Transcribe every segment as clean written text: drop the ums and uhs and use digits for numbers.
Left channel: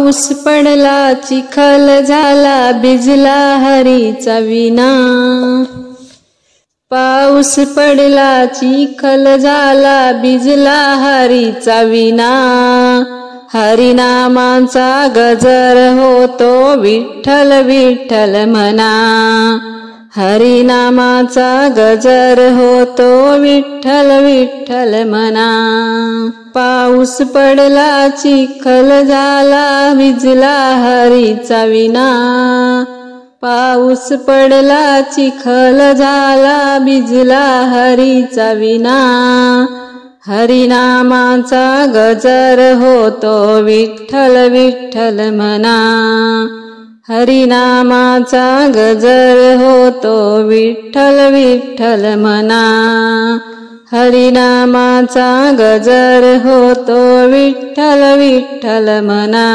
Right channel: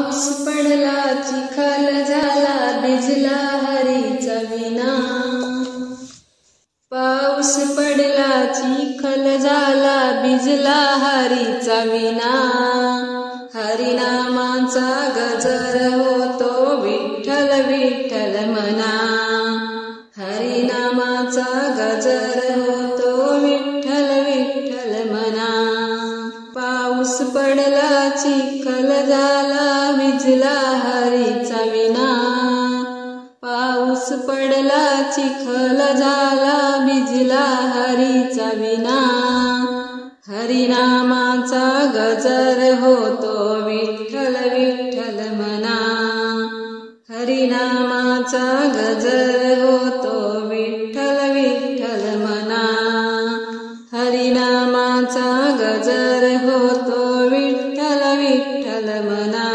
पाऊस पडला चिखल झाला भिजला हरीचा विना। पाऊस पडला चिखल झाला भिजला हरीचा विना। हरिनामाचा गजर होतो विठ्ठल विठ्ठल म्हणा। हरिनामाचा गजर होतो विठ्ठल विठ्ठल म्हणा। पाऊस पडला चिखल झाला भिजला हरीचा विना। पाऊस पडला चिखल झाला भिजला हरीचा विना। हरिनामाचा गजर होतो विठ्ठल विठ्ठल म्हणा। हरिनामाचा गजर होतो विठ्ठल विठ्ठल म्हणा। हरिनामाचा गजर होतो विठ्ठल विठ्ठल म्हणा।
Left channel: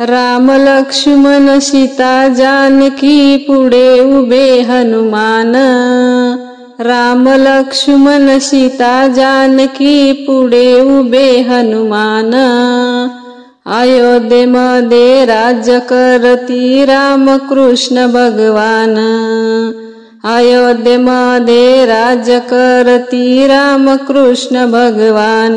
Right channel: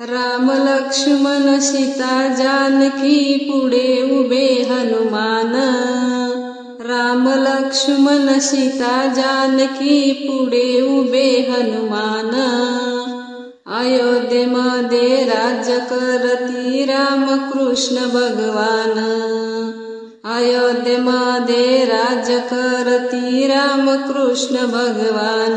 राम लक्ष्मण सीता जानकी पुढे उभे हनुमान। राम लक्ष्मण सीता जानकी पुढे उभे हनुमान। अयोध्येमध्ये राज्य करती राम कृष्ण भगवान। अयोध्येमध्ये राज्य करती राम कृष्ण भगवान।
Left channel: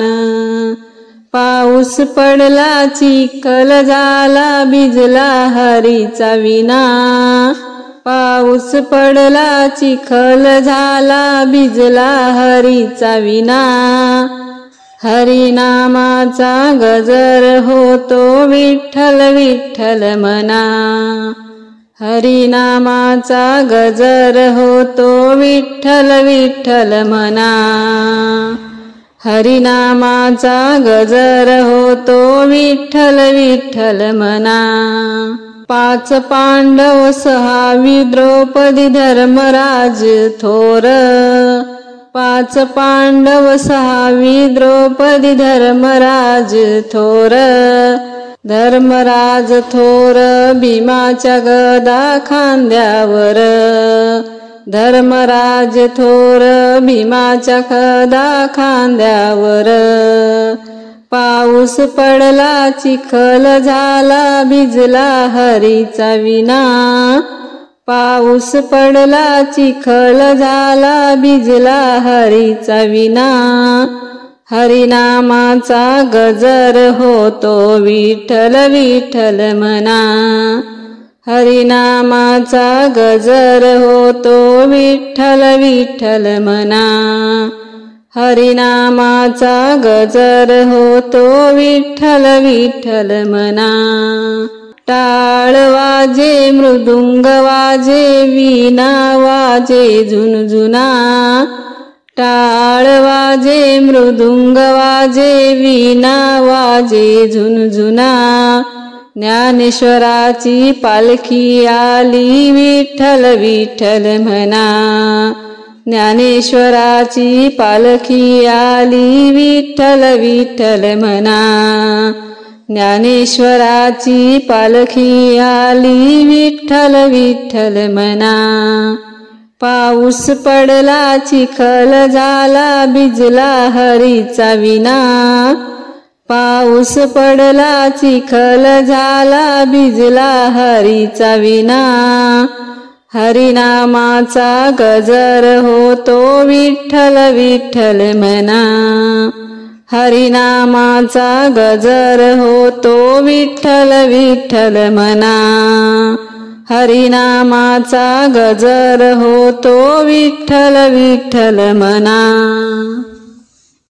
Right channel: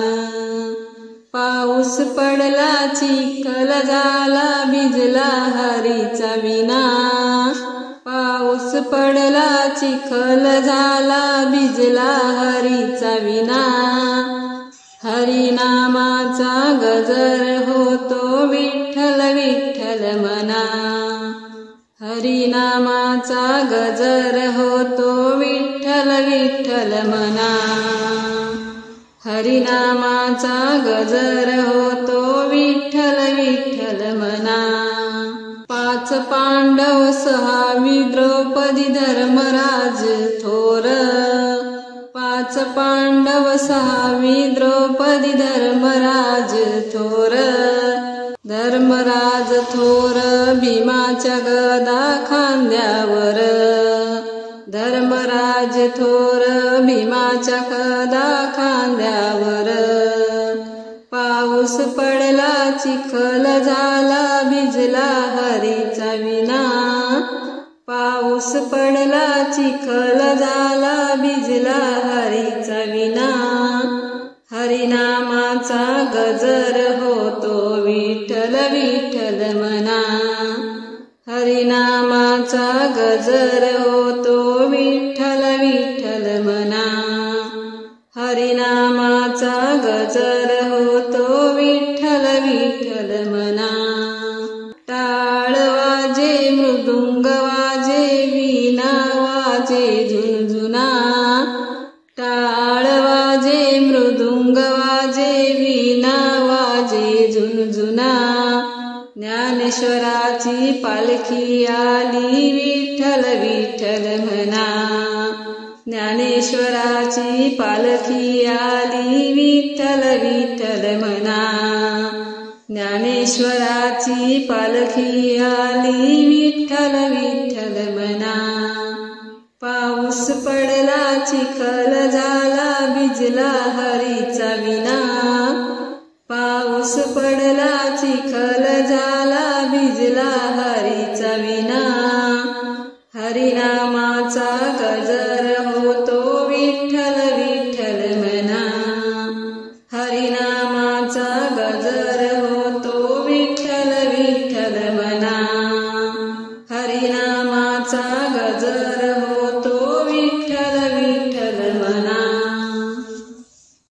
पाऊस पडला चिखल झाला भिजला हरीचा विना। पाऊस पडला चिखल झाला भिजला हरीचा विना। हरिनामाचा गजर होतो विठ्ठल विठ्ठल म्हणा। हरिनामाचा गजर होतो विठ्ठल विठ्ठल म्हणा। हरिनामाचा गजर होतो विठ्ठल विठ्ठल म्हणा। 5 पांडव 6वी द्रौपदी धर्मराज थोर। 5 पांडव 6वी द्रौपदी धर्मराज थोर। धर्मराज थोर भीमाच्या गदा खांद्यावर। धर्मराज थोर भीमाच्या गदा खांद्यावर। पाऊस पडला चिखल झाला भिजला हरीचा विना। पाऊस पडला चिखल झाला भिजला हरीचा विना। हरिनामाचा गजर होतो विठ्ठल विठ्ठल म्हणा। हरिनामाचा गजर होतो विठ्ठल विठ्ठल म्हणा। हरिनामाचा गजर होतो विठ्ठल विठ्ठल म्हणा। टाळ वाजे मृदुंग वाजे वीणा वाजे झुनझुना। टाळ वाजे मृदुंग वाजे वीणा वाजे झुनझुना। ज्ञानेश्वराची पालखी आली विठ्ठल विठ्ठल म्हणा। ज्ञानेश्वराची पालखी आली विठ्ठल विठ्ठल म्हणा। ज्ञानेश्वराची पालखी आली विठ्ठल विठ्ठल म्हणा। पाऊस पडला चिखल झाला भिजला हरीचा विना। पाऊस पडला चिखल झाला भिजला हरीचा विना। हरिनामाचा गजर होतो विठ्ठल विठ्ठल म्हणा। हरिनामाचा गजर होतो विठ्ठल विठ्ठल म्हणा। हरिनामाचा गजर होतो विठ्ठल विठ्ठल म्हणा।